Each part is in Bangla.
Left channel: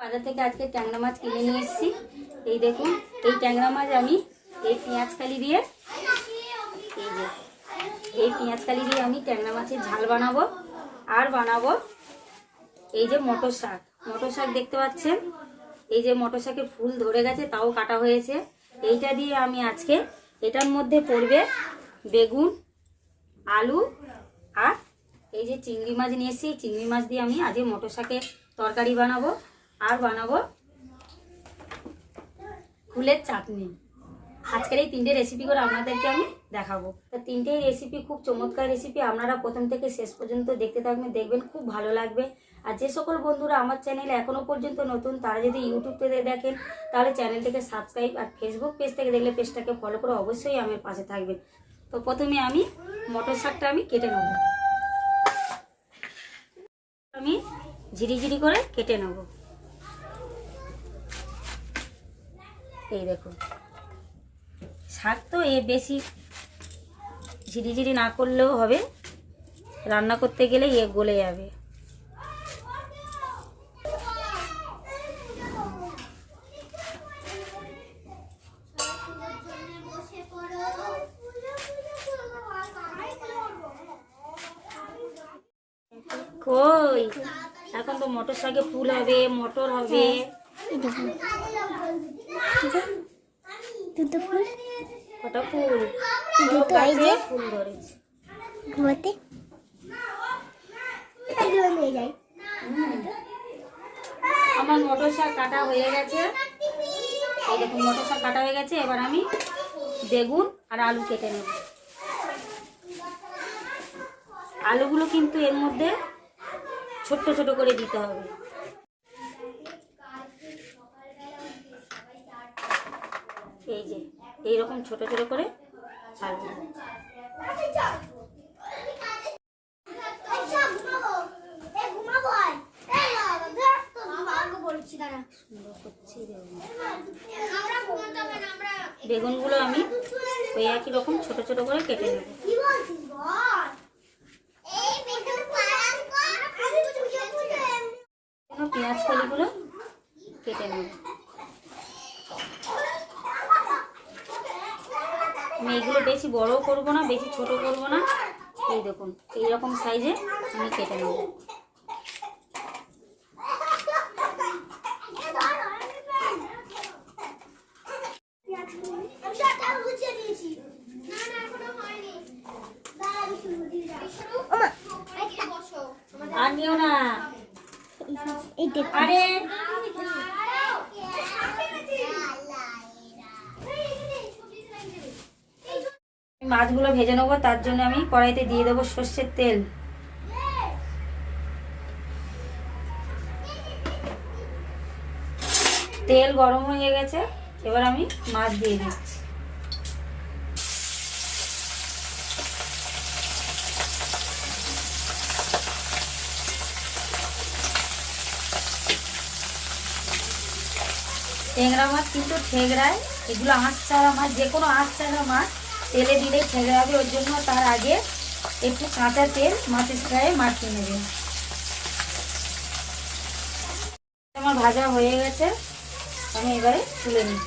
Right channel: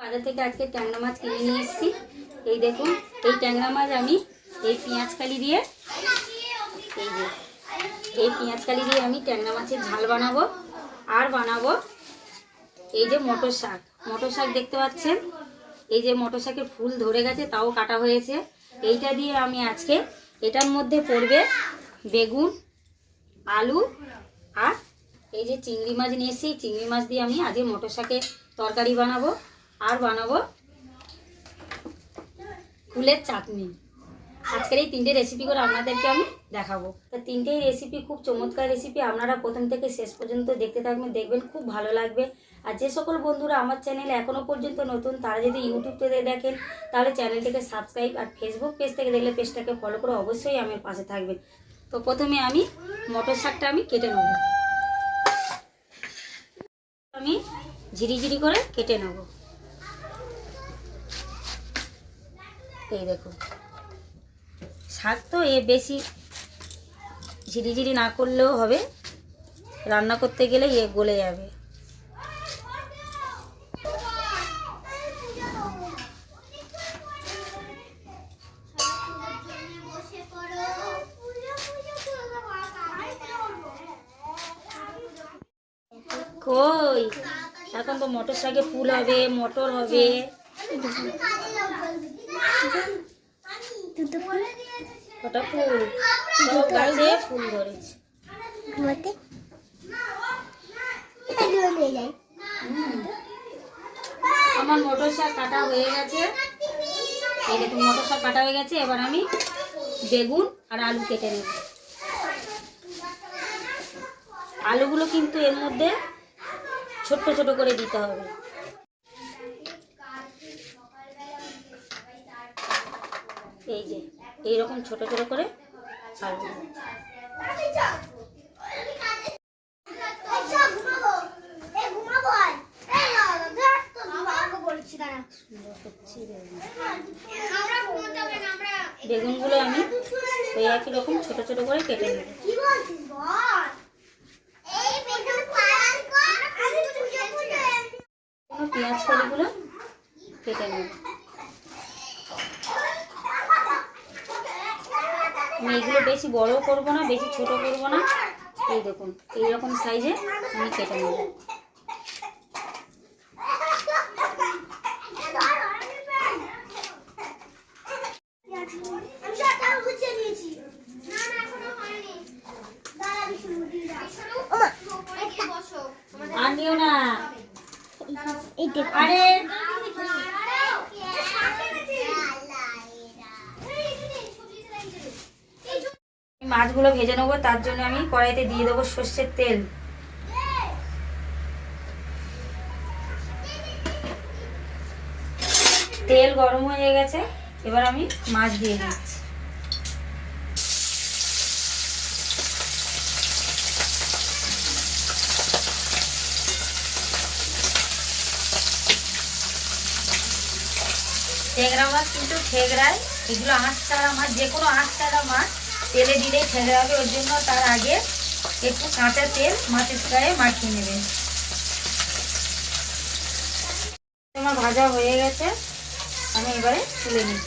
বাজার থেকে আজকে ট্যাংরা মাছ কিনে নিয়ে এসেছি। এই দেখুন, এই ট্যাংরা মাছ আমি এই পেঁয়াজ কালি দিয়ে, এই যে, এই পেঁয়াজ কালি দিয়ে আমি ট্যাংরা মাছের ঝাল বানাবো আর বানাবো এই যে মটর শাক। মটর শাক দেখতে পাচ্ছেন? এই যে মটর শাকের ফুল ধরে গেছে, তাও কাটা হয়েছে। এইটা দিয়ে আমি আজকে এটার মধ্যে পড়বে বেগুন, আলু আর এই যে চিংড়ি মাছ নিয়ে এসেছি। চিংড়ি মাছ দিয়ে আমি আজকে মটর শাকের তরকারি বানাবো। আর বানাবো ফুলের চাটনি। আজকের এই তিনটে রেসিপি করে আপনাদেরকে আমি দেখাবো। তা তিনটেই রেসিপি খুব চমৎকার রেসিপি আপনারা প্রথম থেকে শেষ পর্যন্ত দেখতে থাকবেন, দেখবেন খুব ভালো লাগবে। আর যে সকল বন্ধুরা আমার চ্যানেলে এখনও পর্যন্ত নতুন, তারা যদি ইউটিউব থেকে দেখেন, তাহলে চ্যানেলটিকে সাবস্ক্রাইব আর ফেসবুক পেজ থেকে দেখলে পেজটাকে ফলো করে অবশ্যই আমার পাশে থাকবেন। তো প্রথমে আমি মটর শাকটা আমি কেটে নেব। আমি ঝিরি ঝিরি করে কেটে নেব। এই দেখুন। শাক তো এ বেশি ঝিরিঝিরি না করলেও হবে। রান্না করতে গেলে এ গলে যাবে। কই? এখন তো মটর শাকে ফুল হবে, মটর হবে। কটা ফুল? সব গাছে ফুল ধরেছে। হুম। আমার মটর শাক কাটা হয়ে গেছে। এই দেখুন মটর শাক কাটা হয়ে গেছে। এবার আমি বেগুন আর আলু কেটে নেব। আলুগুলো কিন্তু এর মধ্যে ছোট্ট ছোট করে দিতে হবে। এই যে, এইরকম ছোট ছোট করে বেগুন। বেগুনগুলো আমি ওই একই রকম ছোট ছোট করে কেটে নেব পেঁয়াজ কলিগুলো কেটে নেব আমি এগুলো বেশি বড়ও করব না বেশি ছোট করব না। এই দেখুন এই রকম সাইজে আমি কেটে নেব। আর নিও না। আরে নেব তার জন্য আমি কড়াইতে দিয়ে দেবো সর্ষের তেল। তেল গরম হয়ে গেছে, এবার আমি মাছ দিয়ে দিচ্ছি। ঠেংরা মাছ কিন্তু ঠেংরায় এগুলো আঁশ ছাড়া মাছ যে কোনো আঁশ ছাড়া মাছ তেলে দিলেই ঠেংরাবে ওর জন্য তার আগে একটু কাঁচা তেল মাছের গায়ে মাখিয়ে নেবে। আমার ভাজা হয়ে গেছে। আমি এবারে তুলে নিই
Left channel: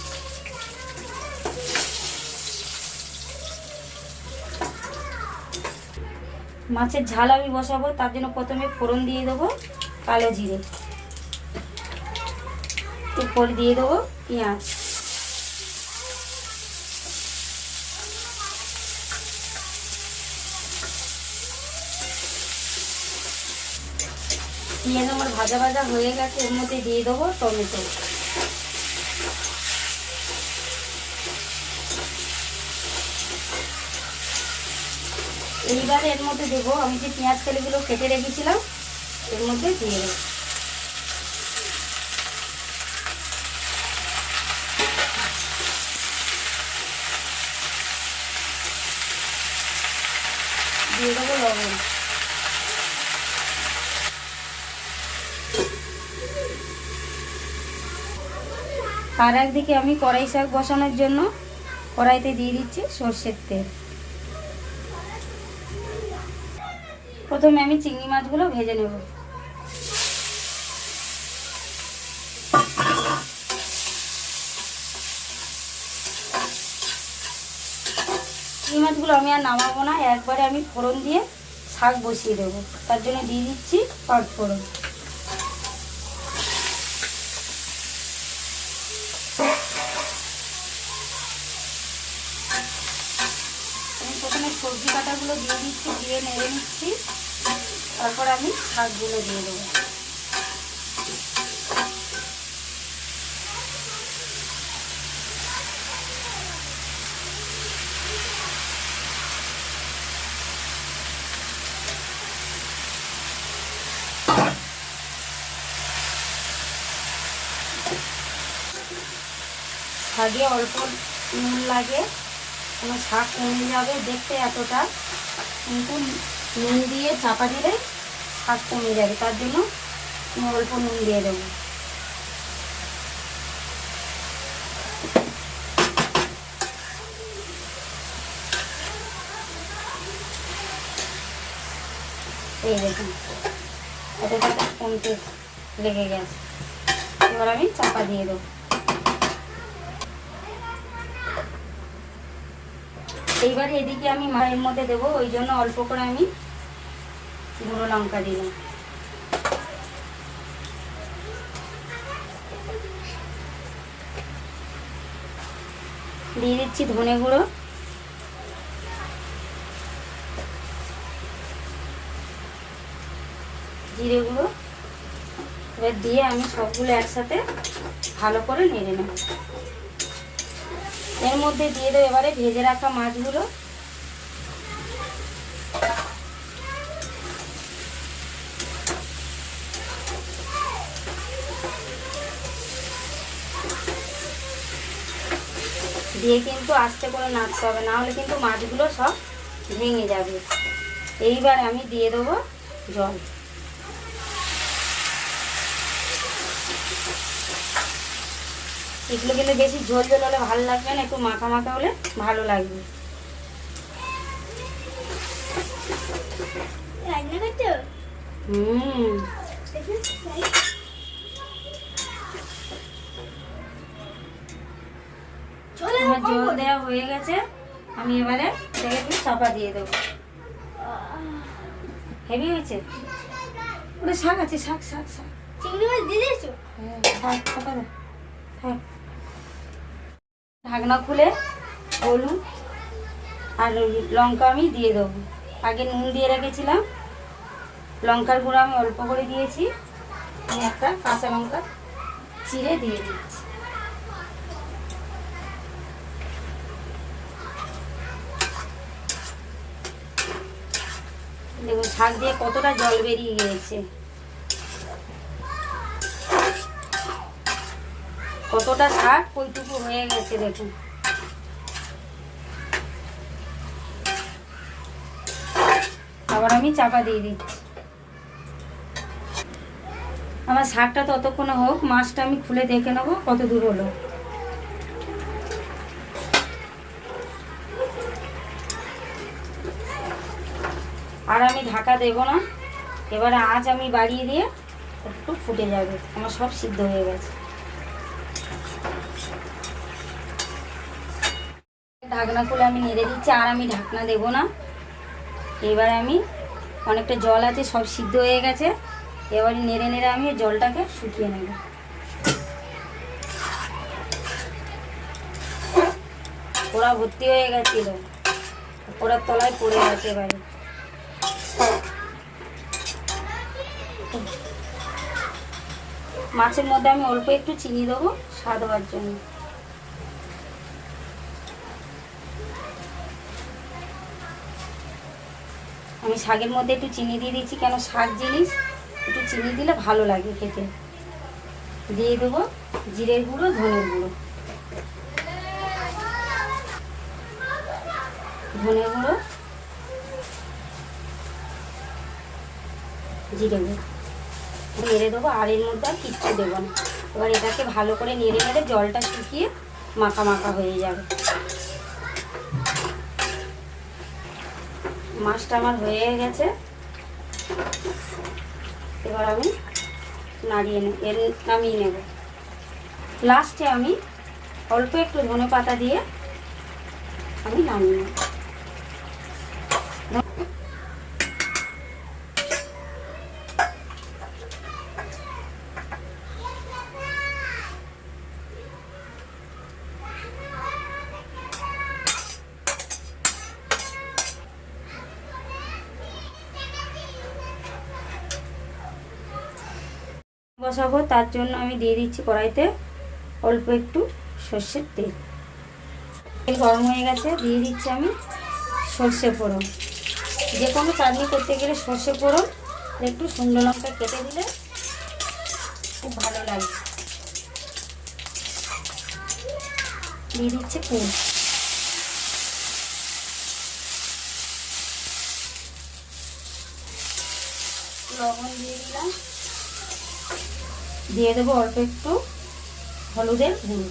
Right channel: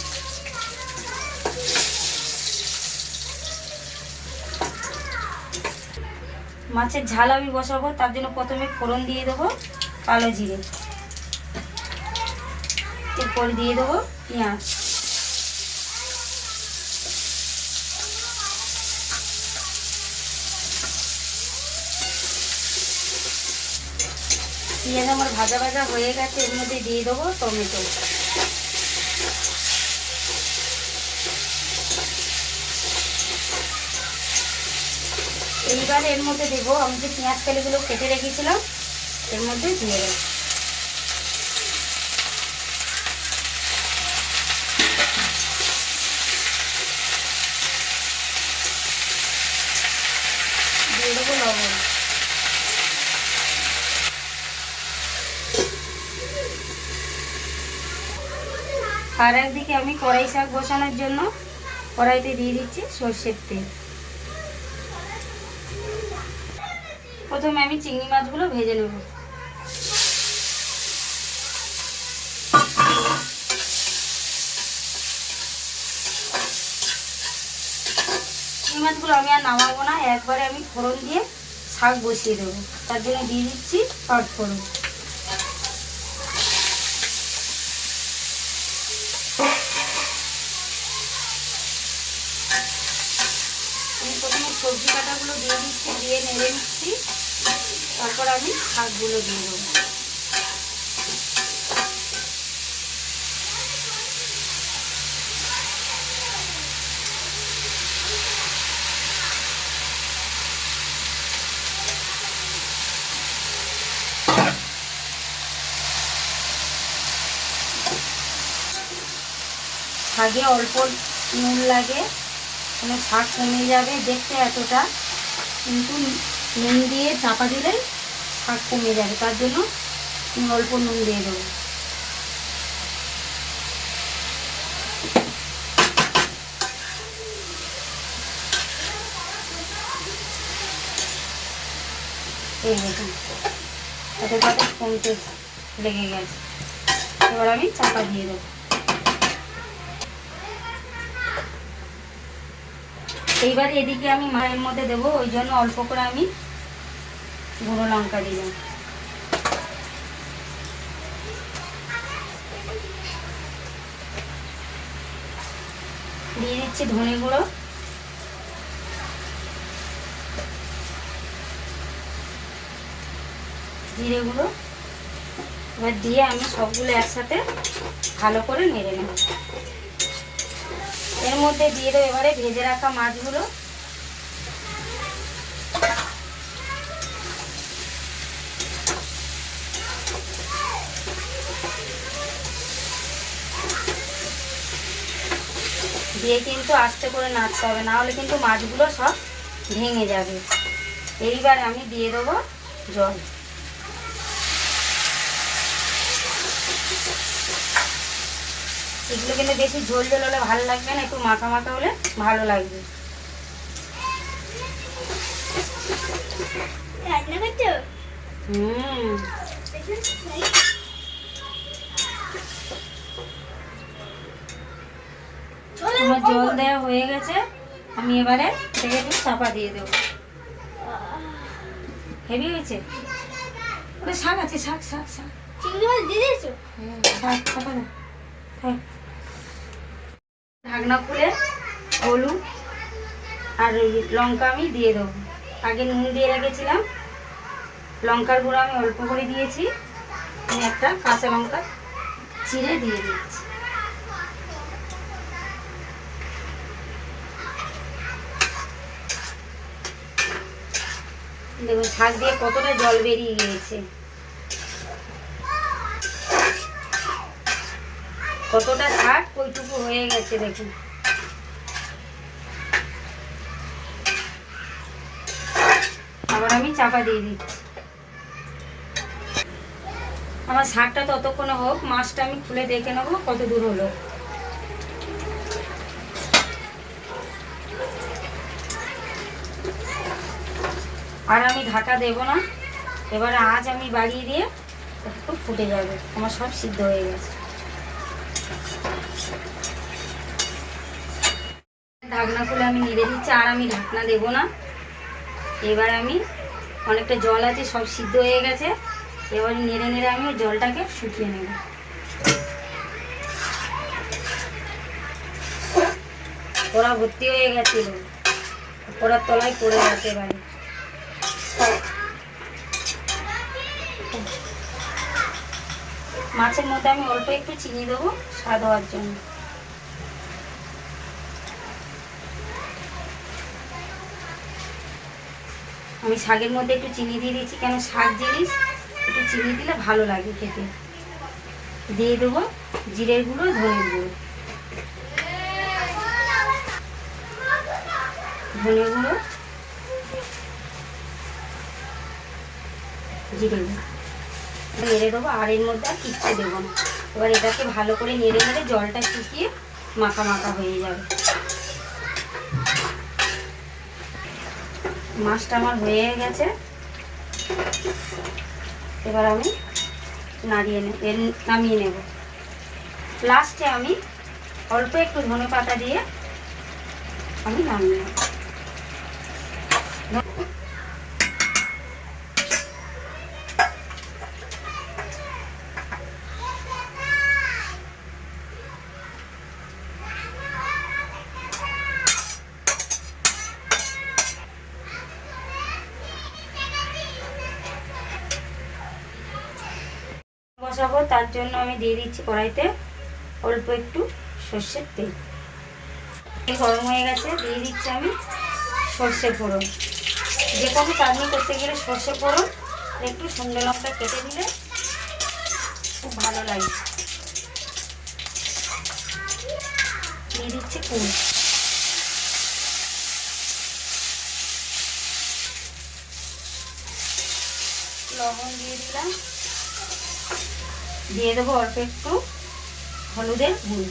মাছের ঝাল আমি বসাবো, তার জন্য প্রথমে ফোড়ন দিয়ে দেবো কালো জিরে। এরপর দিয়ে দেবো পেঁয়াজ। পেঁয়াজ আমার ভাজা ভাজা হয়ে গেছে, এর মধ্যে দিয়ে দেবো টমেটো। এইবার এর মধ্যে দেবো, আমি যে পেঁয়াজ তেলগুলো কেটে রেখেছিলাম, এর মধ্যে দিয়ে দেবো। দিয়ে দেবো লবণ। আর একদিকে আমি কড়াই শাক বসানোর জন্য কড়াইতে দিয়ে দিচ্ছি সর্ষের তেল। প্রথমে আমি চিংড়ি মাছগুলো ভেজে নেব। চিংড়ি মাছগুলো আমি আর নামাবো না, একবারে আমি ফোড়ন দিয়ে শাক বসিয়ে দেবো। তার জন্য দিয়ে দিচ্ছি ফোড়ন তারপর আমি শাকগুলো দিয়ে দেবো। শাকে অল্প নুন লাগে কোনো শাক কমে যাবে দেখতে এতটা, কিন্তু নুন দিয়ে চাপা দিলে শাক কমে যাবে, তার জন্য অল্প নুন দিয়ে দেবো। কমতে লেগে গেছে। এবার আমি চাপা দিয়ে দেবো। এইবার এদিকে আমি মায়ের মধ্যে দেবো, ওই জন্য অল্প করে আমি গুঁড়ো লঙ্কা দিই দিয়ে দিচ্ছি ধনে গুঁড়ো। জিরে গুঁড়ো। এবার দিয়ে আমি সবগুলো একসাথে ভালো করে নেড়ে নেব। এর মধ্যে দিয়ে দেবো এবারে ভেজে রাখা মাছগুলো। দিয়ে কিন্তু আস্তে করে নাড়তে হবে না হলে কিন্তু মাছগুলো সব ভেঙে যাবে। এইবার আমি দিয়ে দেবো জল। এগুলো কিন্তু বেশি ঝোল ঝোল হলে ভালো লাগবে না একটু মাখা মাখা হলে ভালো লাগবে। হুম। আমার জল দেওয়া হয়ে গেছে আমি এবারে থেকে একটু চাপা দিয়ে দেবো। হেভি হয়েছে? ওটা শাক আছে শাক শাক শাক। চিংড়ি মাছ দিয়ে দিয়েছ? হুম, শাক চাপা দাও হ্যাঁ। ঢাকনা খুলে হলুদ আর লঙ্কা আমি দিয়ে দেবো। আগে নুন দিয়ে রেখেছিলাম। লঙ্কার গুঁড়ো আমি অল্প করে দিয়েছি। আমি একটা কাঁচা লঙ্কা চিড়ে দিয়ে দিয়েছি। দেখুন শাক দিয়ে কতটা জল বেরিয়ে গিয়েছে। কতটা শাক ওইটুকু হয়ে গেছে দেখুন। আবার আমি চাপা দিয়ে দিচ্ছি। আমার শাকটা ততক্ষণে হোক, মাছটা আমি খুলে দেখে নেব কত দূর হলো। আর আমি ঢাকা দেব না। এবারে আজ আমি বাড়িয়ে দিয়ে একটু ফুটে যাবে। আমার সব সিদ্ধ হয়ে গেছে। ঢাকনা খুলে আমি নেড়ে দিচ্ছি, আর আমি ঢাকনা দেবো না। এবার আমি অনেকটা জল আছে, সব সিদ্ধ হয়ে গেছে। এবার নেড়ে নেড়ে আমি জলটাকে শুকিয়ে নেব। ওরা ভর্তি হয়ে গেছিল। ওরার তলায় পড়ে গেছে এবারে। মাছের মধ্যে আমি অল্প একটু চিনি দেবো, স্বাদ হওয়ার জন্য। আমি শাকের মধ্যে একটু চিনি দিয়ে দিচ্ছি, কেন শাক জিনিস, একটু চিনি দিলে ভালো লাগে খেতে। দিয়ে দেবো জিরের গুঁড়ো, ধনের গুঁড়ো। ধনে গুঁড়ো জিরে গুঁড়ো। নেড়ে দেবো, আর এর মধ্যে আর কিচ্ছু দেবো না। এবার এটাকে ভালো করে নেড়ে নেড়ে জলটা শুকিয়ে মাখা মাখা হয়ে যাবে। মাছটা আমার হয়ে গেছে। এবার আমি নাড়িয়ে নে এর নামিয়ে নেব। লাস্টে আমি অল্প একটু ধনে পাতা দিয়ে আমি নামিয়ে নেব। বসাবো তার জন্য আমি দিয়ে দিচ্ছি কড়াইতে অল্প একটু সর্ষের তেল। গরম হয়ে গেছে, দিয়ে দিচ্ছি আমি সর্ষে ফোড়ন। যে কোনো চাটনি করতে গেলে সর্ষে ফোড়ন, একটু সুন্দর লঙ্কা কেটে দিলে খুব ভালো লাগে। দিয়ে দিচ্ছি কুল লবণ দিয়ে দিলাম। দিয়ে দেবো অল্প একটু হলুদের গুঁড়ো।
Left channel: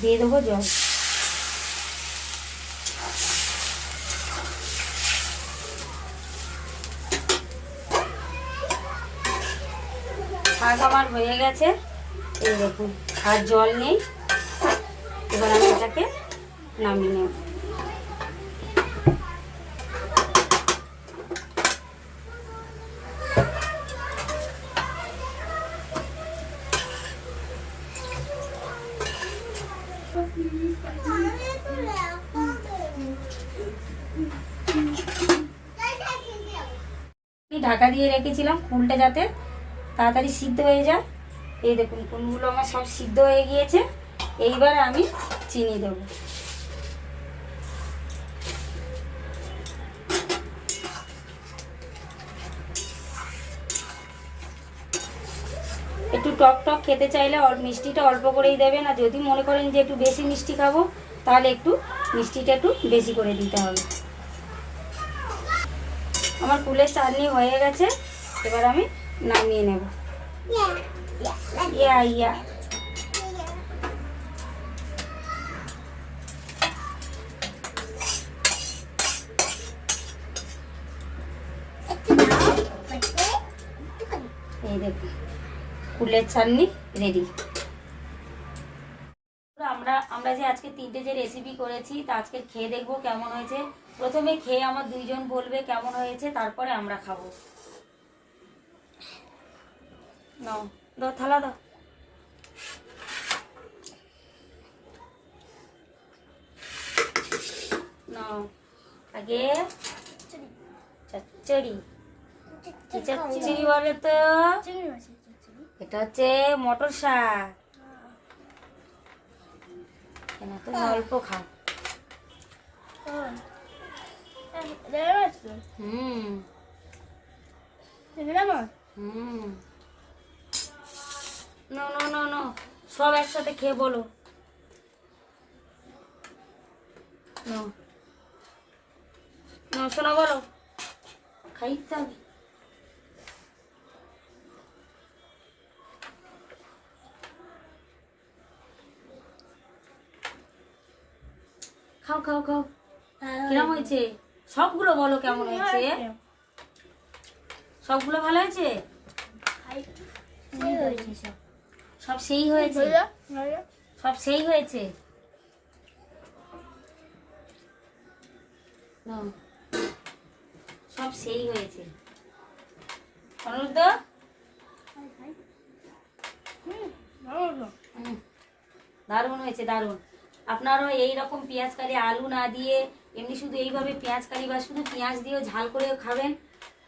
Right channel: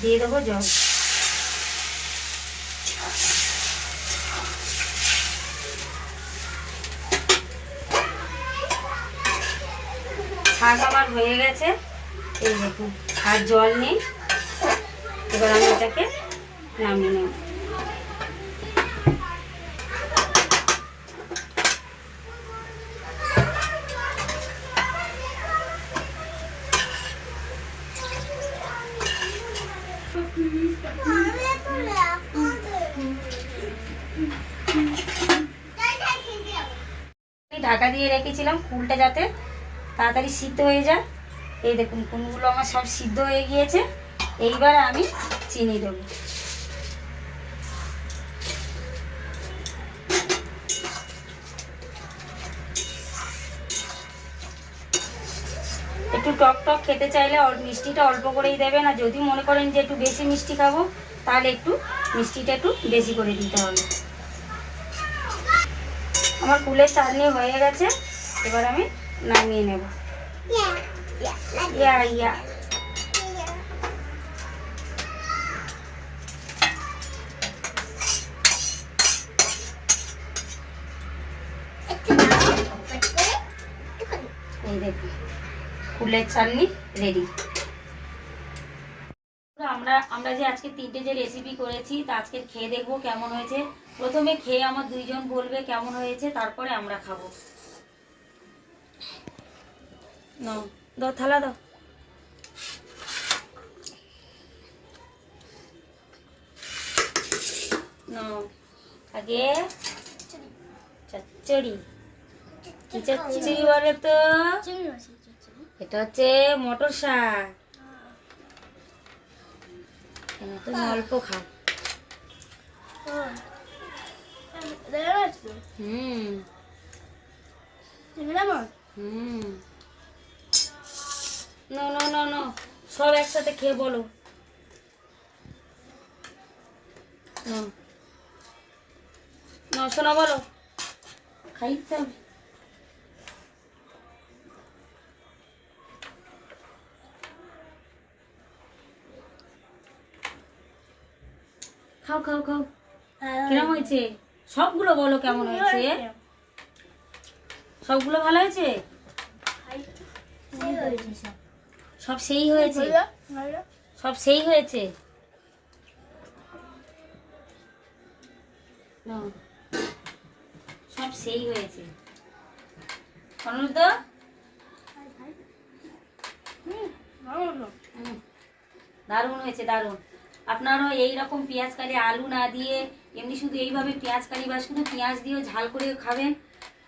দিয়ে দেবো জল। শাক আমার হয়ে গেছে। এই দেখুন, আর জল নেই। এবার আমি এটাকে নামিয়ে নেব আমি ঢাকা দিয়ে রেখেছিলাম ফুলটা যাতে তাড়াতাড়ি সিদ্ধ হয়ে যায়। এই দেখুন কুলগুলো আমার সব সিদ্ধ হয়ে গিয়েছে। এইবার আমি চিনি দেব। একটু টক টক খেতে চাইলে মিষ্টিটা অল্প করেই দেবেন, আর যদি মনে করেন যে একটু বেশি মিষ্টি খাব, তাহলে একটু মিষ্টিটা একটু বেশি করে দিতে হবে। আমার কুলের চাটনি হয়ে গেছে এবার আমি নামিয়ে নেব। ইয়া ইয়া। কুলের চাটনি রেডি। আমরা যে আজকে তিনটে যে রেসিপি করেছি তা আজকে খেয়ে দেখব কেমন হয়েছে। প্রথমে খেয়ে আমার দুইজন বলবে কেমন হয়েছে তারপরে আমরা খাব। দাও থালা দাও। আগে চচ্চড়ি। চচ্চড়ি। বলে তো? এটা হচ্ছে মটর শাক। কেন তুমি অল্প খাও। হুম। হুম। নো নো নো নো, সব একসাথে খেয়ে বলো। নাও। শোনা বলো। খাইতে হবে খাও খাও খাও। কিরম হয়েছে? সবগুলো বলো কেমন হয়েছে? সবগুলো ভালো হয়েছে? সব। সেই হয়েছে? সব সেই হয়েছে। সব সেই হয়েছে। অনুরুদ্ধ। দারুণ হয়েছে দারুণ। আপনারও এই রকম পেঁয়াজ কালি আলু না দিয়ে, এমনি শুধু এইভাবে পেঁয়াজ কালি বা শুধু পেঁয়াজ দিয়েও ঝাল করেও খাবেন।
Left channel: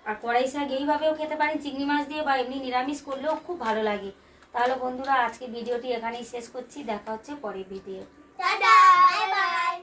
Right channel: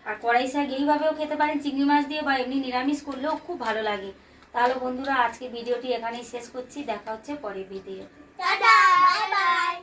আর কড়াই শাক এইভাবেও খেতে পারেন, চিংড়ি মাছ দিয়ে বা এমনি নিরামিষ করলেও খুব ভালো লাগে। তাহলে বন্ধুরা আজকে ভিডিওটি এখানেই শেষ করছি। দেখা হচ্ছে পরের ভিডিও টাটা, বাই বাই।